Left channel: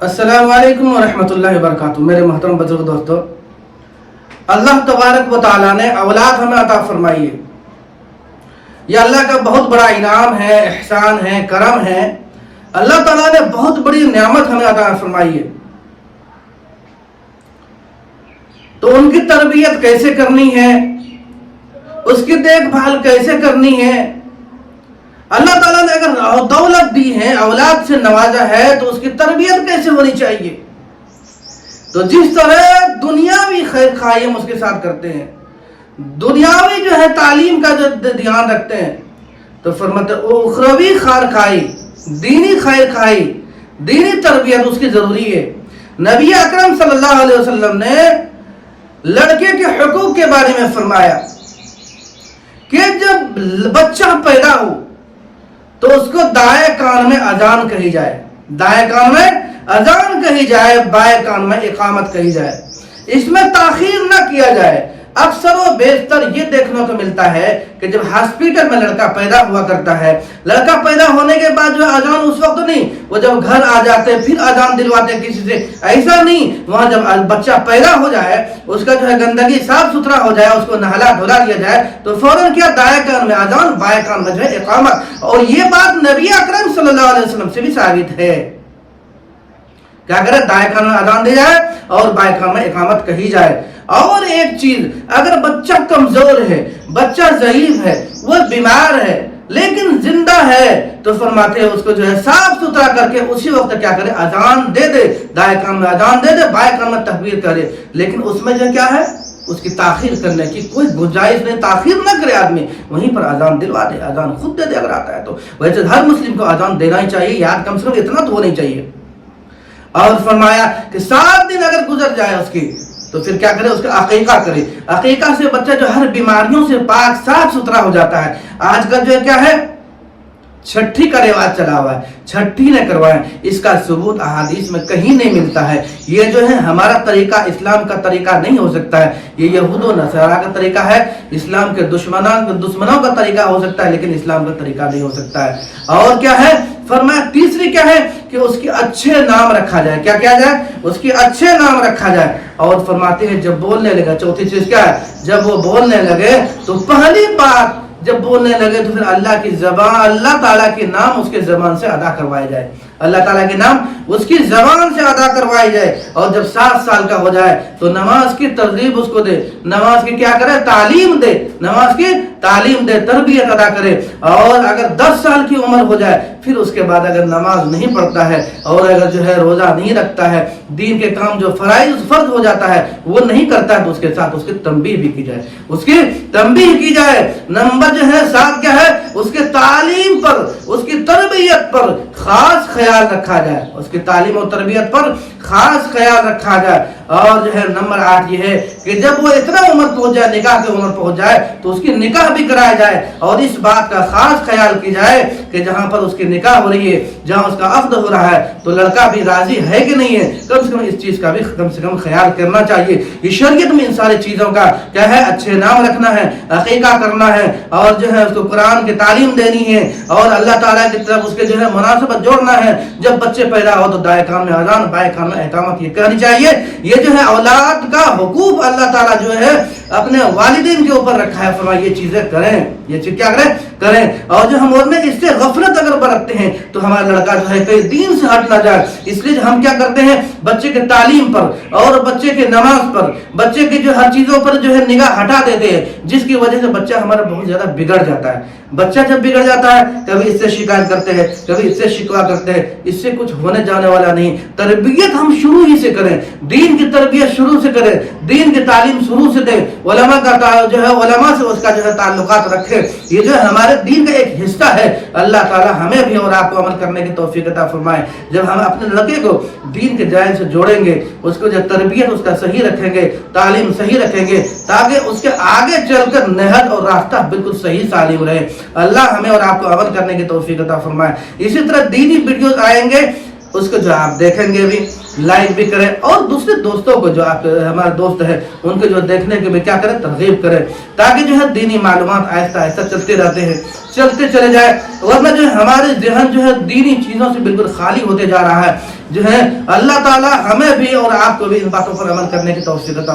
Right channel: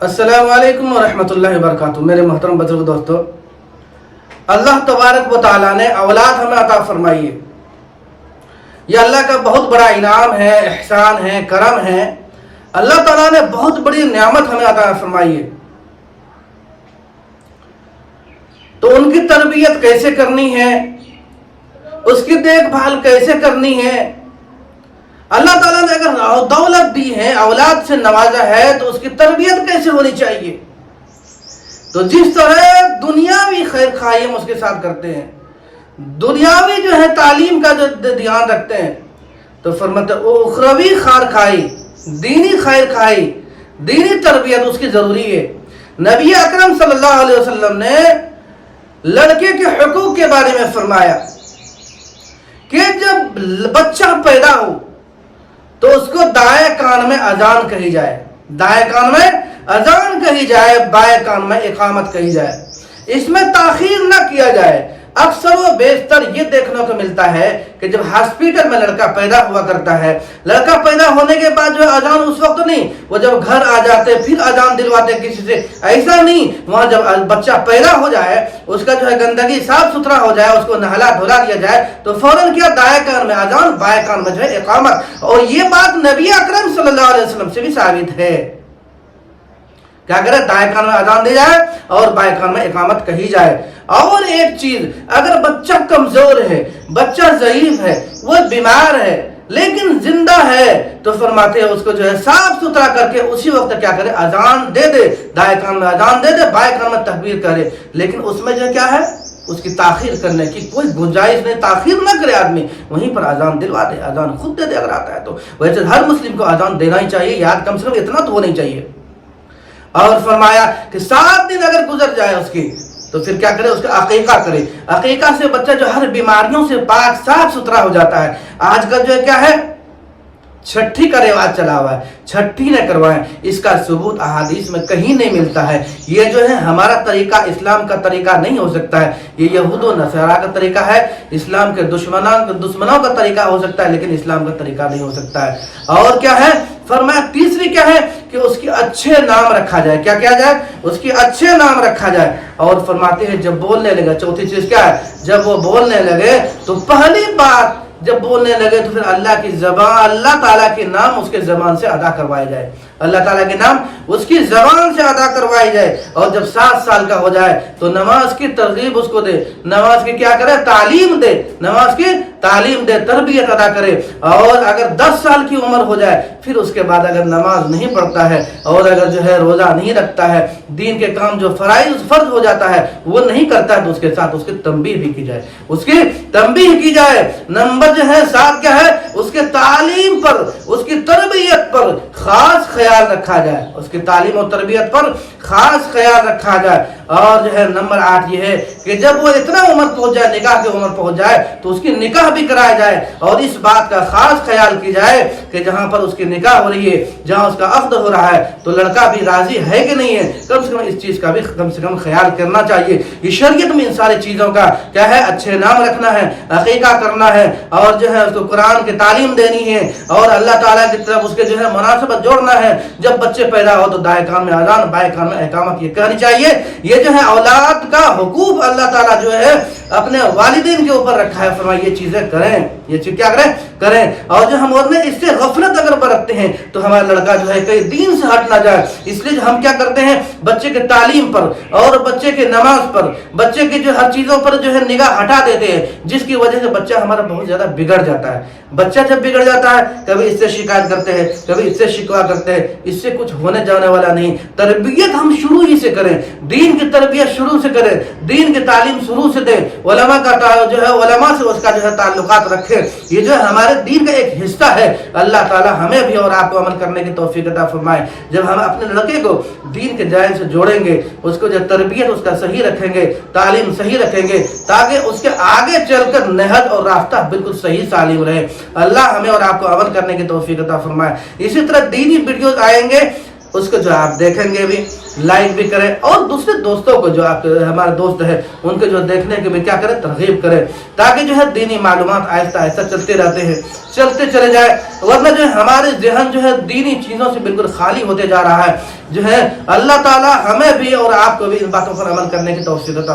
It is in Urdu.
السلام علیکم ورحمۃ اللہ وبرکاتہ۔ میرے محترم بزرگ دوستو، اللہ تبارک و تعالیٰ نے اولاد ہمیں عطا فرمائی ہے۔ یہ اللہ کا بہت بڑا انعام ہے، احسان ہے، کرم ہے۔ اللہ تعالیٰ نے بہت بڑی نعمت ہمیں عطا فرمائی ہے، تو ان کی تربیت کیسے کرنی ہے، اس کی دیکھ بھال کیسے کرنی ہے۔ اللہ تعالیٰ نے اگر دولت دی ہے، اولاد سے نوازا ہے، تو اس کی تربیت کیسے ہونی چاہیے۔ تو جس طرح دنیاوی خیر خواہی ہم اس کے ساتھ کرتے ہیں، دنیاوی جو ہے تعلیم کا جو دھیان رکھتے ہیں، تو فرماتے اخروی خیر خواہی، دینی خیر خواہی، دینی تربیت اس کی ضروری ہے۔ نبی اکرم صلی اللہ علیہ وسلم نے لڑکے کے حقوق کے بارے میں فرمایا کہ جب بچہ پیدا ہو تو اس کو دائیں کان میں اذان کہی جائے، دائیں کان میں اذان کہی جائے، بائیں کان میں اقامت کہی جائے، اس میں تاخیر نہ کیا جائے۔ اکثر و بیشتر یہ دیکھنے کو ملتا ہے کہ جب ہاسپٹل میں لڑکا پیدا ہوا کرتا ہے، لڑکا پیدا ہونے کے بعد جو اذان اس وقت نہیں، وہ جب گھر آ جاتے پھر اذان دلواتے کسی سے، ایسا نہیں۔ وہاں جب بچہ پیدا ہو جائے، اس کا جو ہے گندگی صاف ستھرا ہو جائے، اس کو نہلا دھلا دیا جائے، تو فوراً کیا دائیں کان میں اذان، بائیں کان میں جو ہے اقامت۔ اور یہ بات نبی اکرم صلی اللہ علیہ وسلم سے بھی ثابت ہے۔ کیا کرے؟ دائیں کان میں اذان دی جائے اور بائیں کان میں اقامت کہی جائے۔ اور ایک چیز، اگر بچہ کمزور ہے، بچہ ضعیف ہے، وہ بیمار ہے لیکن زندہ ہے، تو فرماتے ہیں اس کو جو ہے صاف ستھرا کر کے اسی وقت کیا کرے؟ اذان دے دے، دائیں کان میں اذان دے دے، بائیں کان میں تکبیر کرے۔ لیکن اس میں جو کیا ہے؟ اس کی تاخیر کرنے کی کوئی گنجائش نہیں، تاخیر نہ کرے آدمی، وہیں پر اذان دلوا دے، اذان خود دے دے اگر آتا ہے تو۔ ویسے ہر مسلم کو اذان دینا ہی چاہیے، یاد کم سے کم اتنا تو ہونا ہی چاہیے۔ اور فرمایا کہ 7 دن اگر گزر جائے اس کی، تو پھر کیا کرے؟ اس کا عقیقہ کرے۔ عقیقہ سے بچہ جو ہر بیماریوں سے پاک صاف ستھرا ہو جاتا ہے۔ آج کل جو ہے کیا ہے؟ چھٹی کا رواج چلا ہوا ہے، چھٹی نہ کروائیں، اس کا ثبوت احادیث میں کہیں نہیں ملتا ہے۔ یہ جو ہے ہمارا طریقہ، اسلام کا طریقہ نہیں ہو سکتا ہے، یہ یہود و نصارہ کا طریقہ ہے، اسلام کے دشمنوں کا طریقہ ہو سکتا ہے، لیکن اسلام کا طریقہ نہیں ہو سکتا ہے۔ اور کیا ہے؟ فرمایا تیسری کیا ہے کہ اس کی اچھے نام رکھا جائے۔ کیا کیا جائے؟ اس کی اچھے نام رکھا جائے۔ اور فرماتے ہیں جب بولنے لگے، چوتھی چیز کیا ہے؟ جب وہ بولنے لگے تو پہلی بات جب بولنے لگے تو پھر اللہ کی زبان، اللہ تعالیٰ کے نام اس کے زبان سے ادا کروائے جائے، اللہ تعالیٰ کے نام اس کی زبان سے ادا کروائی جائے۔ اور جب 7 سال کا ہو جائے تو نماز کی ترغیب اس کو دے، نماز کی کیا کرے؟ تعلیم دے، نماز کی تعلیم دے، تربیت ادا کرے۔ اور اگر 10 سال کی عمر ہو جائے پھر اس کے بعد اگر نماز نہیں پڑھتا ہے اور اگر جو ہے روزہ نہیں رکھتا ہے، دین کے کام جو فرض ہو جاتا ہے وہ نہیں کرتا ہے، تو اس کے ساتھ اس کی تنبیہ بھی کی جائے، اس کی تنبیہ کی جائے۔ نمبر جو ہے 7 کیا ہے؟ اس کے تعلیم پر، اس کی تربیت پر خاص خیال رکھا جائے، اس کی تعلیم اور تربیت پر خاص خیال رکھا جائے۔ اور جو ہے نمبر 8 یہ ہے کہ جب وہ اتنا عمر پہنچ جائے، نکاح کی عمر پہنچ جائے، تو اس کی نکاح بھی کرایا جائے۔ اور اس بات کا خاص خیال کی جائے کہ جہاں پر اس کی نکاح ہو رہی ہے، جہاں اس کا عقد ہو رہا ہے، تو لڑکا بھی راضی ہے کہ نہیں ہے، کم سے کم اس چیز کا بھی کم سے کم خیال کرنا چاہیے۔ یہ شریعت میں ان ساری چیزوں کا کیا ہے؟ اچھے نام رکھنا ہے، عقیقہ کرنا ہے، اور جو ہے اس کو قرآن کی تعلیم دینی ہے، اور اللہ تعالیٰ کی طرف اس کے جو ہے مناسبت جوڑنا ہے۔ جب بچے پیدا ہو تو دائیں کان میں اذان، بائیں کان میں اقامت یہ کہنی چاہیے۔ یہ جو ہے اولاد کا حقوق اللہ تعالیٰ جو ہے اپنے والدین کے اوپر رکھا ہے، فرمایا یہ چیزیں کریں، یہ چیز کیا کریں۔ اور جو ہم اور میں اس سے غفلت اگر برتتے ہیں تو ہمارا لڑکا جو ہے کہیں دین سے ہٹ نہ جائے، اس لیے ہم کیا کرتے ہیں؟ بچے کے تعلیم پر اور بچے کے نماز پر، بچے کی جو ہر چیزوں پر جو ہے نگاہ ہٹا دیتے ہیں، جس کی وجہ سے بچہ ہمارا بہت زیادہ بگڑ جاتا ہے۔ بچہ جب بگڑ جاتا ہے، کبھی اس سے شکایت کرتے ہیں، کبھی اس سے شکوا کرتے ہیں، اس سے کچھ ہونے جانے والا نہیں۔ تربیت ہم شروع ہی سے کریں، دین کی تربیت شروع سے کریں، دین کی تعلیم شروع سے دیں، علماء کا جو ہے علماء سے اس کا جو ہے تعلقات رکھیں۔ یہ جو ہے ہمارے دین کا ایک حصہ ہے۔ اللہ تعالی ہمیں بھی اور آپ کو عمل کرنے کی توفیق عطا فرمائے۔ جب ہم اپنے لڑکے کو دین کے جائن سے جوڑیں گے، اس کو جو تربیت اس کا صحیح رکھیں گے، تعلیم صحیح رکھیں گے، تاکہ اس کے آگے چل کر نہج اور راستہ بالکل صحیح سالم رہے۔ اللہ ہمیں اور آپ کو عمل کرنے کی توفیق عطا فرمائے۔ اسی طرح دینی ویڈیوز آئیں گے اس کو جو آپ دیکھیں گے بھی لائک بھی کریں، اور دوسرے دوستوں کو جو آپ ہمارے دوست ہیں ان کے جو دیکھنے کے بھی کیا کریں، ترغیب کریں، تاکہ جو ہے دینی معلومات آہستہ آہستہ چلتے رہتے ہیں، چلتے چلے جائے، ورنہ جو ہے ہمارے ذہن جو ہے دینی چیزوں سے بالکل خالی ہوتے جا رہا ہے۔ جو ہے اللہ تعالی ہمیں بھی اور آپ کو بھی ان باتوں پر عمل کرنے کی توفیق عطا